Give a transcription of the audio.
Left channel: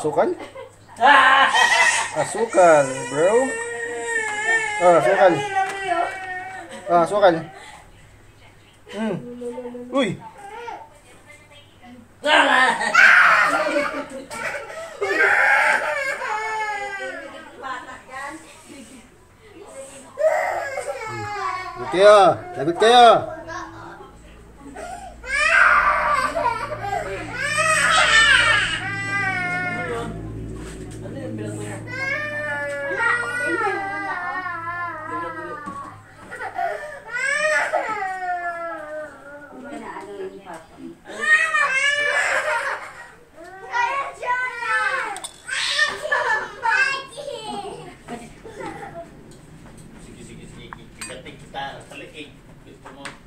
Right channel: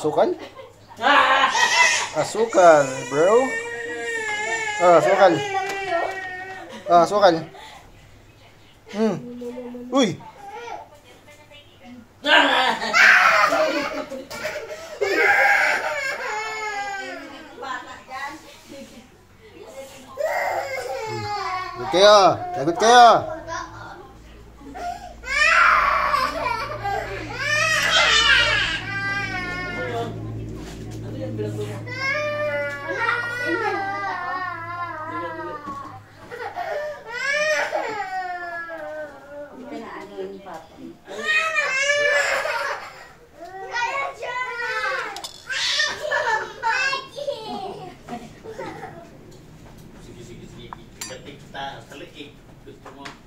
Sukal? Sukal, bro. Sukal. Sukal. Uy. Lagot kayo. Sige, sige, sige. Ibatik kita. Talikik. Gusto mo.